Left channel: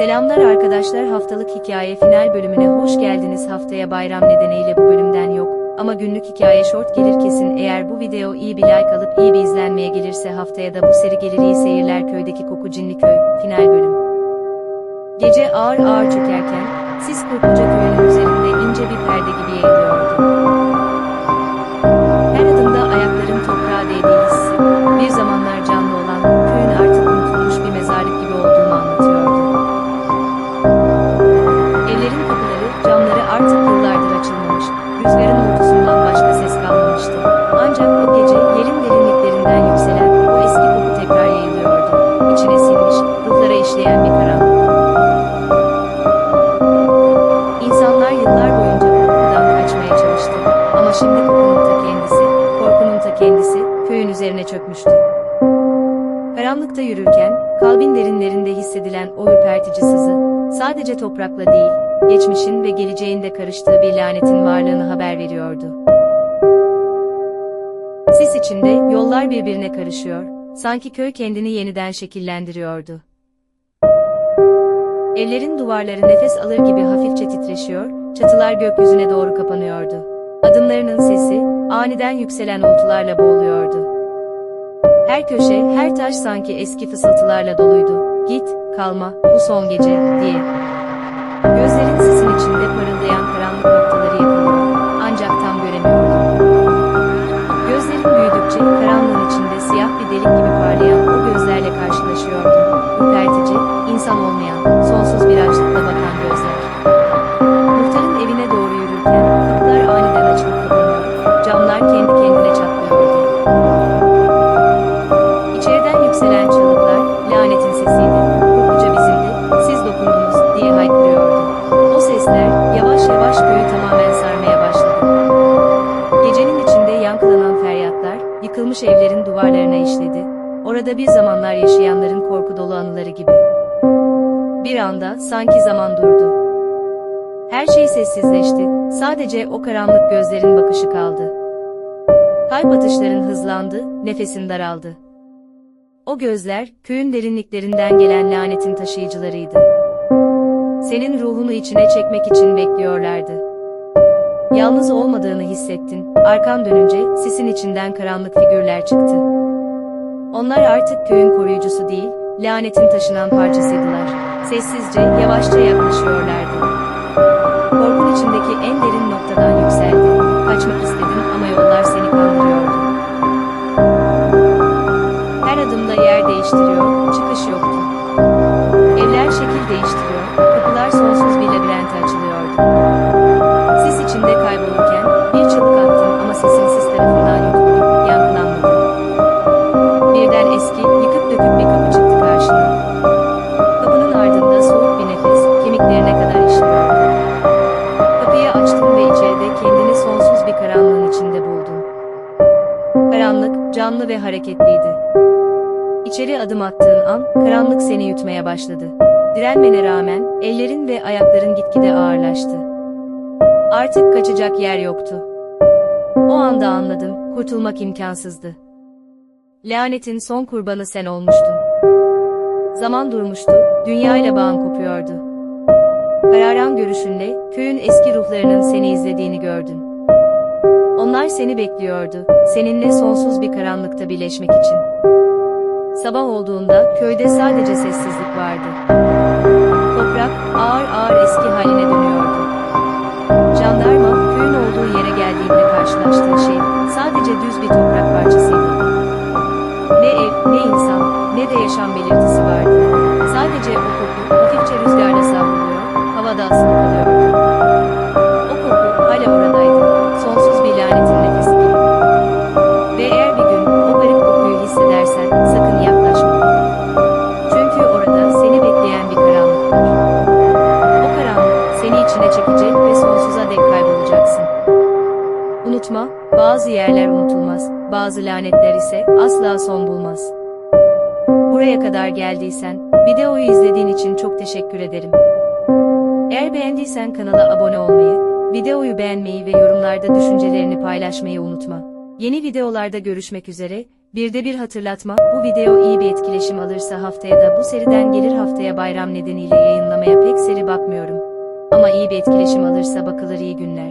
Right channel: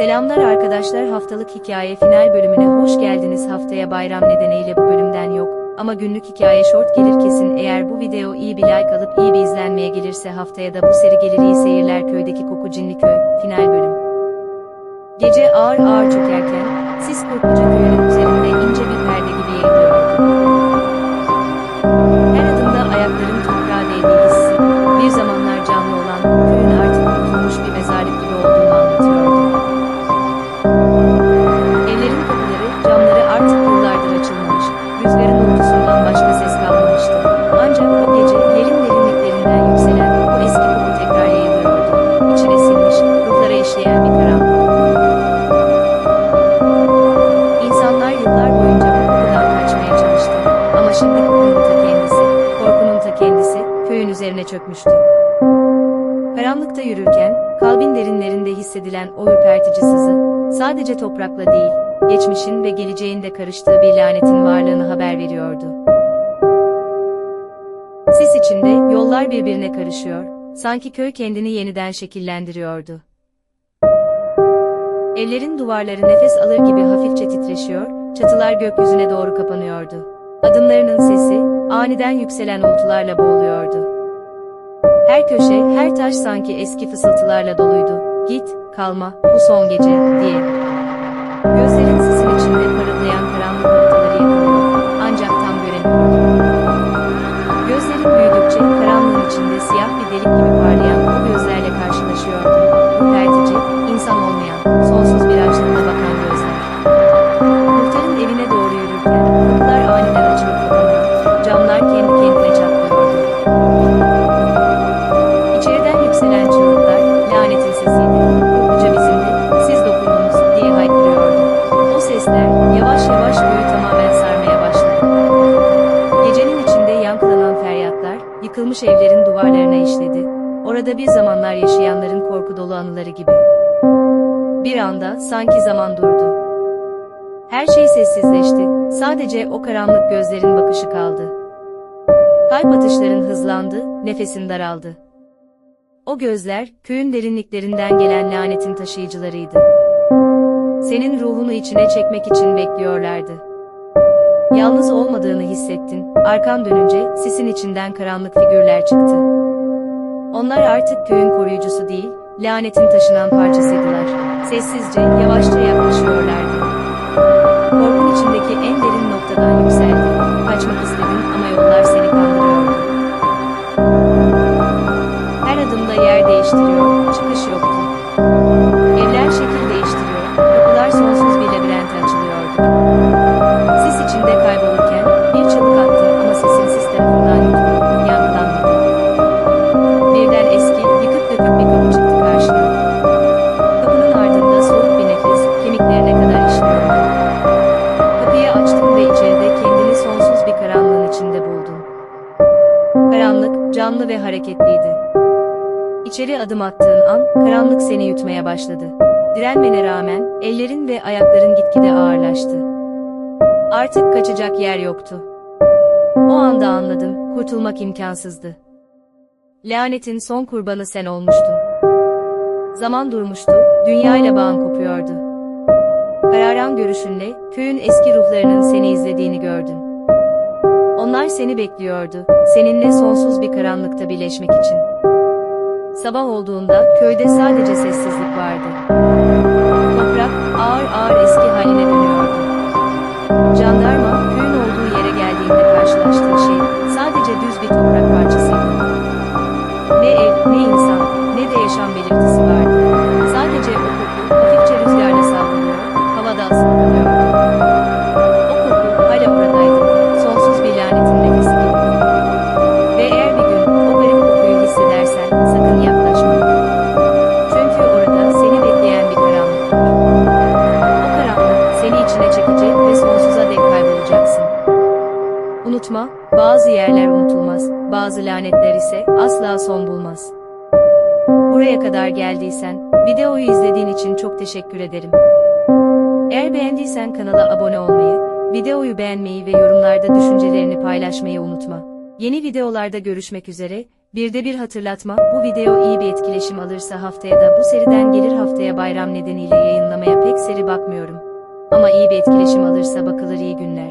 Selamlar arkadaşlar haftalık hikaye final bölümüne hoş geldiniz haftaya bayram nedeniyle bu bölümden yok. Ama günlük hikaye short gelir kesin eğer bu video iyi bir like alıp iyi bir izlenmeye gelirse haftaya da bu seri gelir iyi seyirler köydeki koku cinli köy final bölüm. Gece ağır ağır çökerken sis Kurtluca köyünün üzerinde ince bir perde gibi yayılıyordu. Her adımda ayakların toprağa değdiği hissi, bir zamanlar canlı olan köyün artık unutulmuş bir mezarlık gibi olduğunu anlatıyordu. Rüzgarın uğultusundan başka ses kalmamıştı. Ancak o gece yerin derinliklerinden yükselen o eski koku tekrar yayılıyordu. İçine sinmiş, ruhlara işleyen bir karanlık. İnsanlar yıllar boyunca bu kokudan kaçmaya çalıştı. Ama şimdi kokunun ta kendisi, korkunun ta kendisi, köyün üzerine çökmüştü. Karanlıkta yürürken, kalbin derinlerinde hissedilen o ürpertici sızı, sadece toprakla değil, geçmişin ve geleceğin de karıştığı bir lanetin varlığını haber veriyordu. Sis içinde yollar birbirine karışıyor, sanki köy kendini yeniden şekillendiriyordu. Evlerin duvarları nefes alır gibi hafifçe titreşiyor, çatılar gökyüzüne doğru kapanıyordu. Adımlarının sesi, aniden yükselen uğultularla boğuluyordu. Her köşe, her taş sanki eski fısıltılarla doluydu. Git, kalma, bu son gece, diye. Gözlerin sisin içinde parıldayan karanlık noktaları yakalıyor. Ancak tam göremiyordu. Gözlerin büyüdükçe karanlığın içinde siyah bir delik gibi parlayan o gözlerle karşılaşıyordun. Ürpertici, insan olmayan, sonsuz bir açlıkla bakan gözler. Muhtarın evine doğru yürürken yavaş yavaş köyü tamamen sarmaya başladı. Gecenin içinde yankılanan feryatlar, yıkılmış evlerin duvarlarına işledi. Orada bir zamanlar yaşayanların korku dolu anıları gibi. Bir anda, sanki zaman durdu. Her şey sessizleşti, sadece o karanlık gözlerin bakışı kaldı. Kalp atışların hızlandı, nefesin daraldı. O gözler, köyün derinliklerinden gelen lanetin taşıyıcılarıydı. Senin ruhunu içine çekmek için bekliyorlardı. Yalnız olmadığını hissettin, arkan dönünce sisin içinden karanlık figürler çıktı. Onlar artık köyün koruyucusu değil, lanetin taşınan parçasıydılar. Sessizce, yavaşça yaklaşıyorlardı. Korkun içindeki en derin noktadan yükseldi. Kaçmak istedin ama yollar seni kandırıyordu. Her adımda yer değiştiriyor, çıkış yoktu. Evler şekil değiştiriyor, kapılar sonsuz bir labirente açılıyordu. Sis içinde kaybolurken bir çığlık attın ama sesin sis tarafından yutuldu, yankılanmadı. Birden eski, yıkık dökük bir kapı çıktı karşına. Kapının ardında soğuk bir nefes, kemiklerine kadar işliyordu. Kapıyı açtın ve içeride kendini sonsuz bir karanlığın içinde buldun. Karanlık, canlı ve hareketliydi. İçeri adım attığın an, karanlık seni yutmaya başladı. Direnmene rağmen, ellerin ve ayakların gitgide ağırlaştı. Artık kaçacak yer yoktu. O anda anladım, kurtulmak imkansızdı. Lanetin son kurbanı sen olmuştun. Zaman durmuştu, dünyayla bağın kopuyordu. Kararan görüşünle, köyün eski ruhlarının seni izlediğini gördün. Onlar seni bekliyordu, seninle sonsuz bir karanlıkta birleşmek için. Sabah olduğunda köyde sadece sessizlik vardı. Toprak ağır ağır eski haline dönüyordu. Jandarma köyün olduğu yere geldiğinde karşılaştığı şey sadece düz bir toprak parçasıydı. Ne ev, ne insan, ne de yaşam belirtisi vardı. Sadece o koku hafifçe rüzgarla savruluyor, havada asılı kalıyordu. İçine çekecek ve sonsuza dek kaybolacaksın. Unutma, bazı yerler unutulmaz, bazı lanetler ise asla son bulmaz. Buraya kadar geldiysen, videoyu izlediğin için çok teşekkür ederim. Eğer beğendiysen kanala abone olmayı, videoyu beğenmeyi ve yorumlarda düşüncelerini paylaşmayı unutma. Yeni videolarda görüşmek üzere, Bir de bir hatırlatma, bu video iyi bir etkileşim alırsa haftaya da bu seriden gelir haftaya bayram nedeniyle yayınlamaya pek seri bakmıyorum. Ama iyi bir etkileşim alırsa bakılır iyi günler.